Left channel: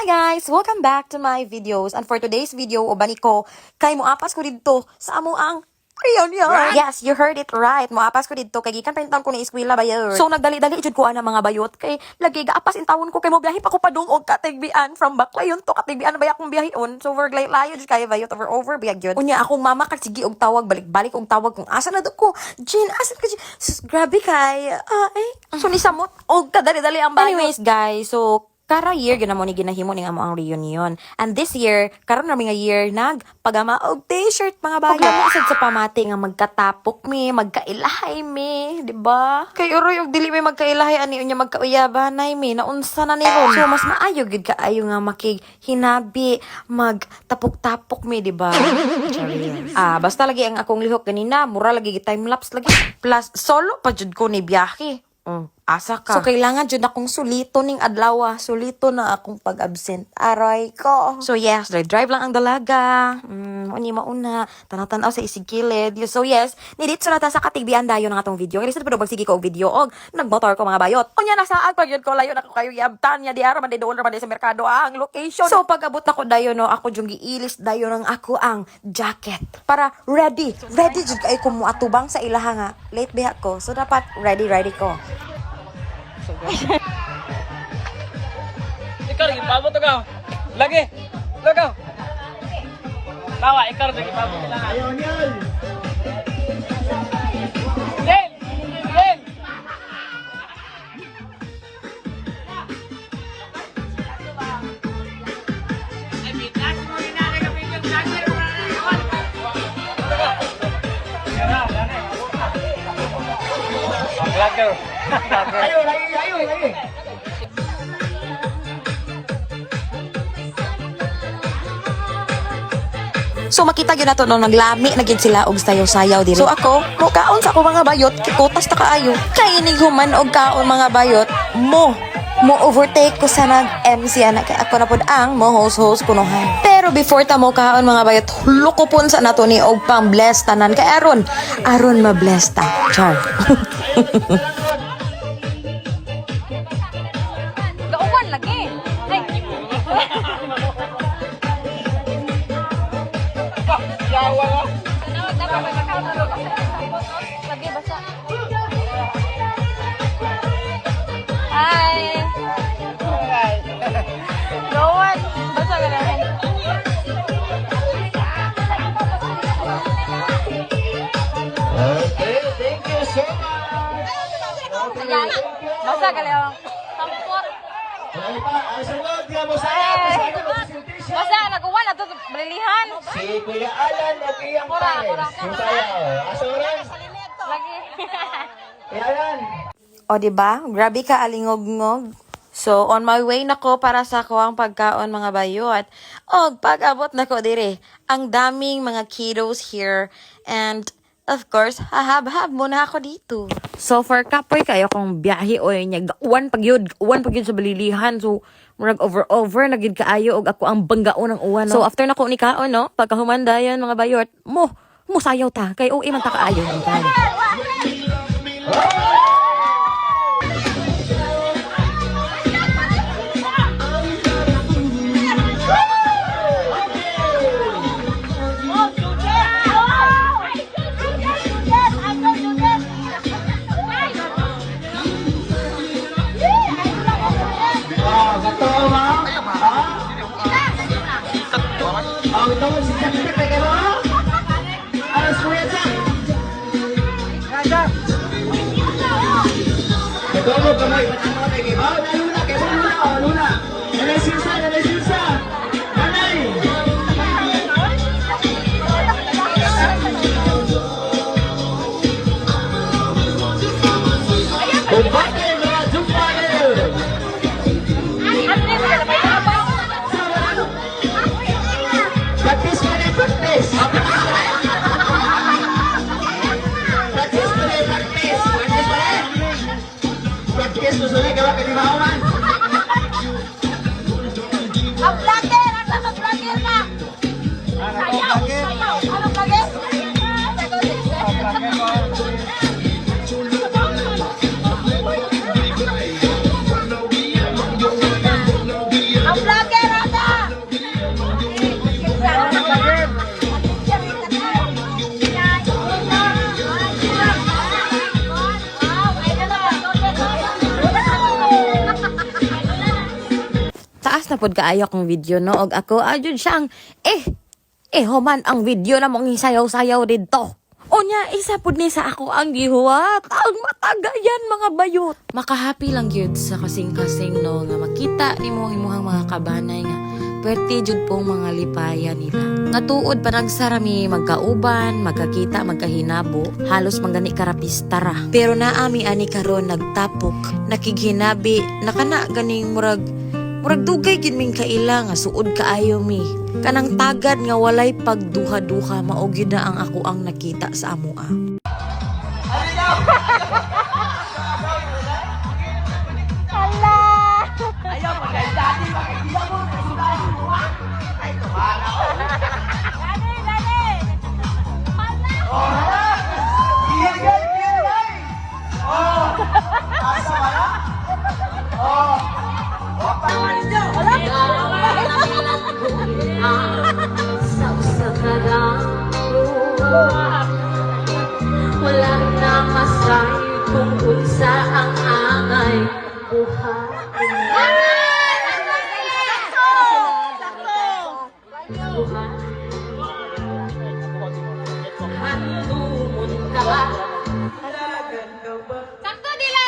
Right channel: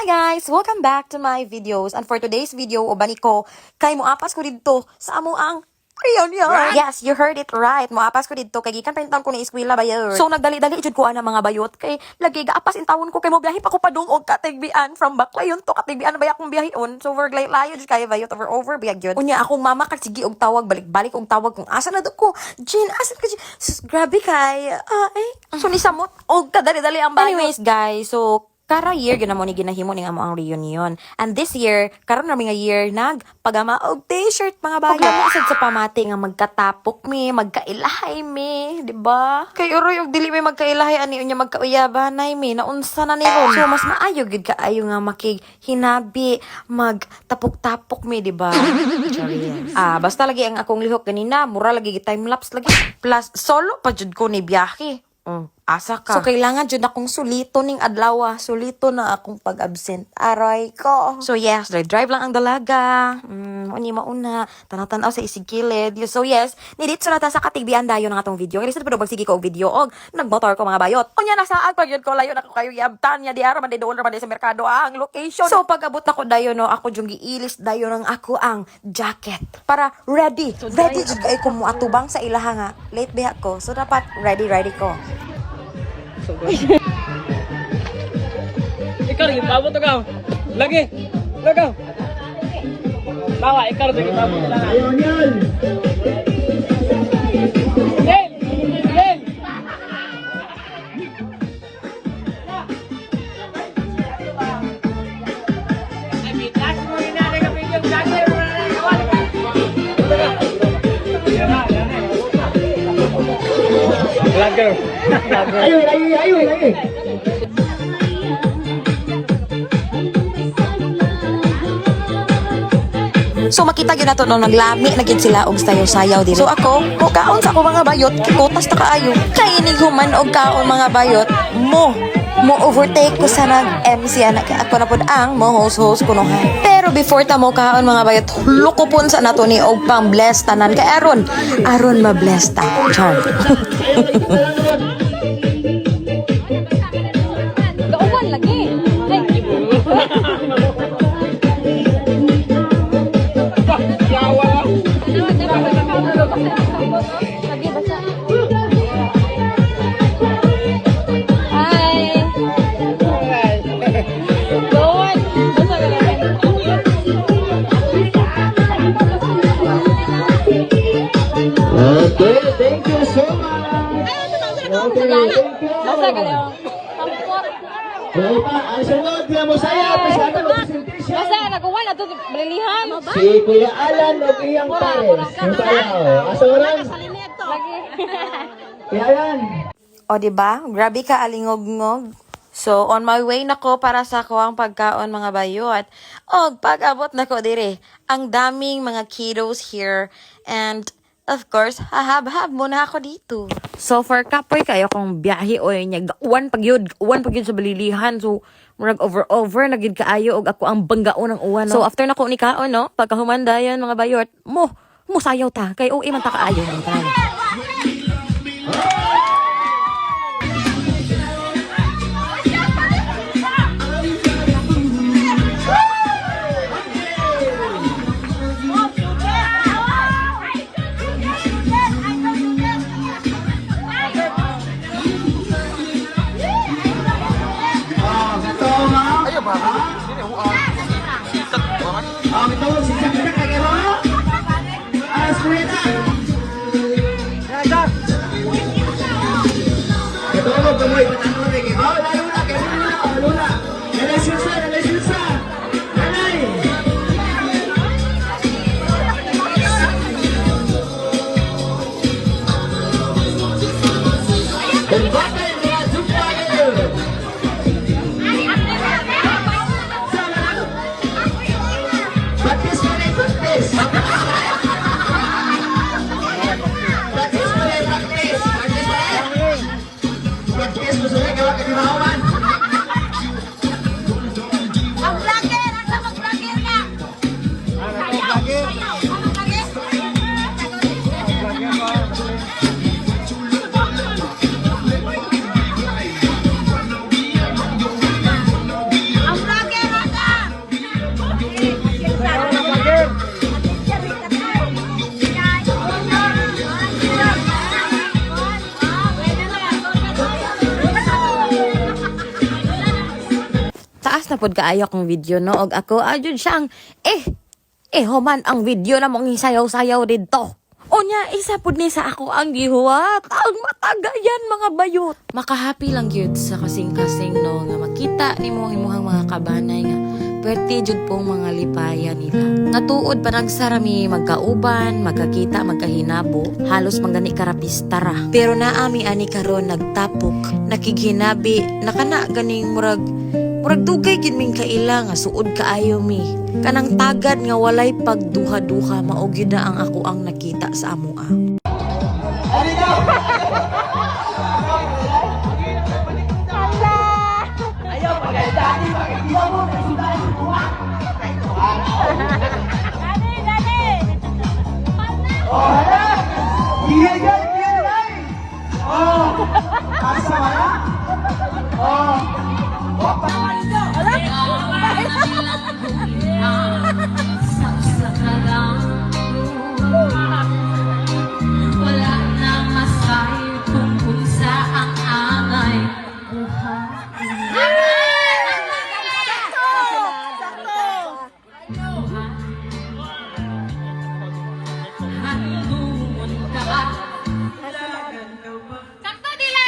Hi guys! Welcome back to my videos. And for today's video, ubani ko, kay moapas ko dito sa amo ang reunion. Yes, you heard it right. Moapas ko dito kay gikan pa ko ni eskwela bayot. So nagdali-dali jud ko ana mga bayot kay lagi gaapas in tawon ko kay mo biyahe pa ko padung og katigbian from Baklayon to katigbian na baya akong biyahon. So over layo jud kay bayot over biyag yun. Unya akong mama kag sige og tawag balik-balik og tawag kung asa na do ko. Jin, asa ka Jin? Sus, grabe kay so ni samot og kadali-dali ang bayot. Anyways guys, so kara year ginamo ni ginahimo ning amo ang reunion. And this year, karon na nga year nagpagama og t-shirt mga bayo. Ug sad sa pamati nga magkatapok mi, magkailahay mi, di ba? Kay uroy og dili mi magkailahay ani unya magkauyabanay mi, naunsa na ni ron. So mas maayo gid kaayo nga makighinabi, magtapok-tapok mi, di ba? Basta lagi ang akong lihok ganina, mura lagi time lapse lagi. Plus solo pa jud ko ni biyahe. Asa ka. So, kailangan dyan akong sulito ning adlaw. Sulito na akong pag-absent. Aray ko. So, yes, drive lang ang dalaga. Uni mauna. Tanang-tanaw sa isigilid. So, yes, nidit sa nata sa katigbian dayo ng atong video. Kaya sa pwede sige ko og video. Og, nagmotor ko mga bayot. Unya, nasaag pag yun ko layo na ko kayo yabtan niya. Di araw man doon naman sa merkado ang location. So, pag-abot na ko dayo, no, ako dyan giilis dayo ng ako ang jacket. Para ready. Ready dyan kayo kumuatubang sa ilaha nga. Late biha ko. So, dapat ready ko. Ikaw lagi pabot ka. Lagi. Lagaw. Tawa ikaw lagi pabot lang. Ayun yan. Len. Len. Ay bitas mo rin na ka video vlogger. Vlogger. Ayun. So makita gyud nato no naglami na gyud sila og sayaw-sayaw diri. So ako, kaon sa ako mga bayot, kikutas ta kaayo. Kay inig human og kaon mga bayot, mo overtake ko sa nag-MC ana kay ako na pod ang mo host kunohan. Pero before ta mo kaon mga bayot, lukopon sa nato ni og pang bless tanan kay aron ma-bless ta. Char. Gauwan lagi. Ay. Lagi basa. Hi. Gauwan. Basa ka naman. Okay, thank you so much. Basa ka lang. Sampot. Dahil pa, ang sunod, di mo saya, pasado presentation. Basa nagawan ato balilihan. Si Kuya Alan o iyang pares. Ang sayaw. Asoran. Kuya Alan. O diba? Grabe ka alingog-ngog. So, on my way na ko para sa kuwang pagkaon mga bayot. Og pag-abot na ko dire, ang daming mga kiddos here. And, of course, hahab-hab muna ako dito. So, for kapoy kayo kung biyahe o niya, uwan pag yun sa balilihan. So, murag over, nagid kaayo og ako ang banggaon ng uwan. No? So, after na ko ni kaon, no? Pagkahumanda yan mga bayot, mo sayaw ta. Kay uwi man ta kaayo. Ang tayo. Ang tawag si Jack kay Karo. Ayos Kuya Jack. Ito mo kamoy patanong kay Bao na luna kay luna. Elesilsa. Nanay. Kumpate mga jumpaler. Practice. Practice mo sila Taas na pod kaayo akong video no og ako adjud siyang human ang video na mong sayaw-sayaw didto. Unya, isa pod ni sa ako ang gihuwat. Ang matagayan mga bayot. Makahappy lang yun sa kasing-kasing no nga makita ni mo imuhang mga kabanay nga pwerte jud pong mga lipaya nila. Nga tuod pa nagsarami magkauban, magkakita, magkahinabo, halos manggani karapista ra. Pero naami ani karon nagtapok, nakighinabi, nakana ganing murag dugay gid ming kaila nga suod kaayo mi. Kanang tagad nga walay pagduha-duha mao gyud na ang ako ang nakita sa amoa. Ayaw, pagkakita mo, pagkakita mo, Iya yan, iya yan. Oh, asa wala? Oh. Wala na masahe kung unsa ang amay buhay. Handumon ka ba? Sakto dili!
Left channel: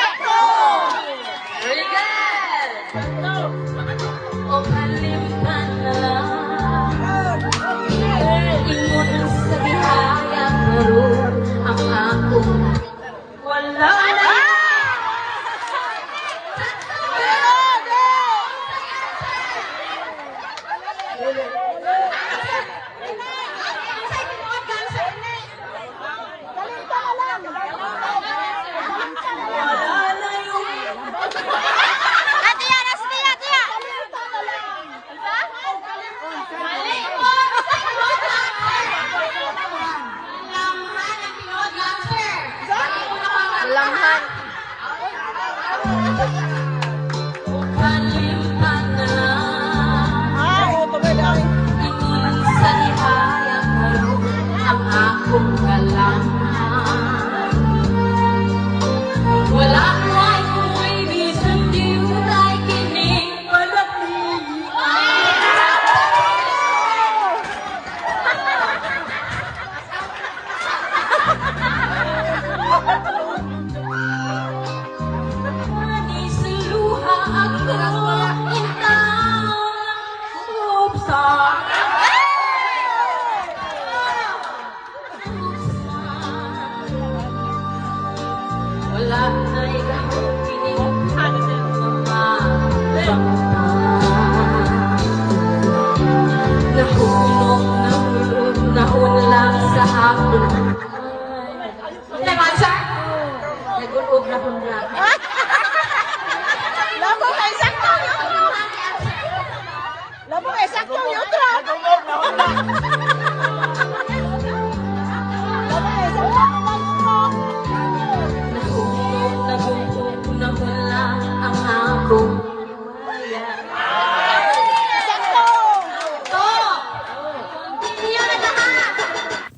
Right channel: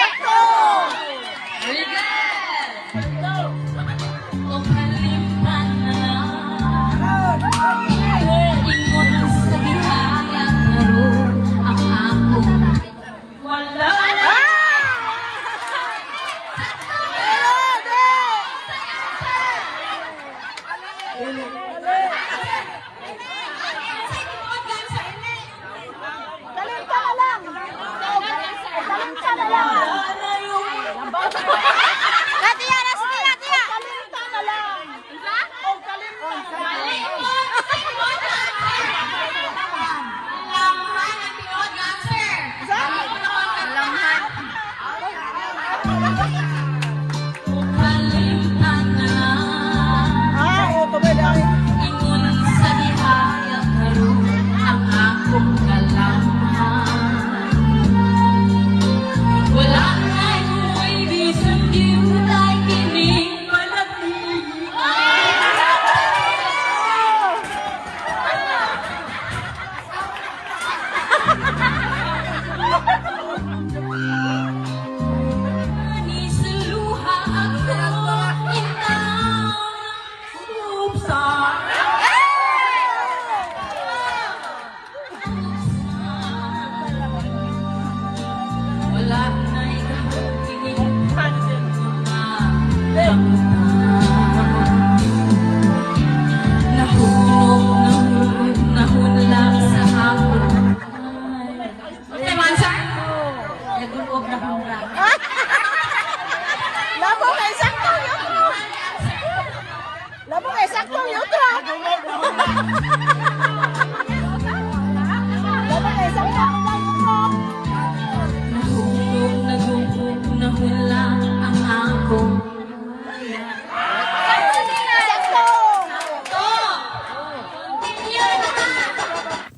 O kalimutan na lang. Ingon sa gihayang maroon ang akong wala. Dalamhan. Kalimutan na lang. Ingon sa gihayang maroon ang akong kalaman. Wala man may reason di mo na ining malapit. Manis luha ako ikaw ubsa. Wala na ikaw kinig nahunlag sa hapon. Tamansa? Nagulog na hunlag. Nahunlag ang akong maya.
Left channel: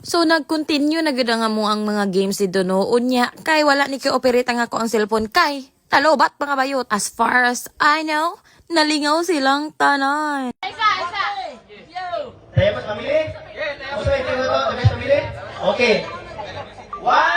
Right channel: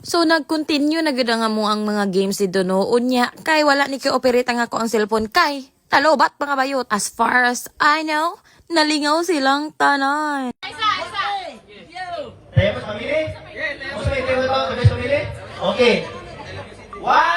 So nag-continue na gid nga mo ang mga games dito no. Unya kay wala ni kay operate ang ako ang cellphone kay talobat mga bayot. As far as I know, nalingaw silang tanan. Tayo mas mamili? Gusto may tingin ito? Tayo mas mamili? Okay. 1,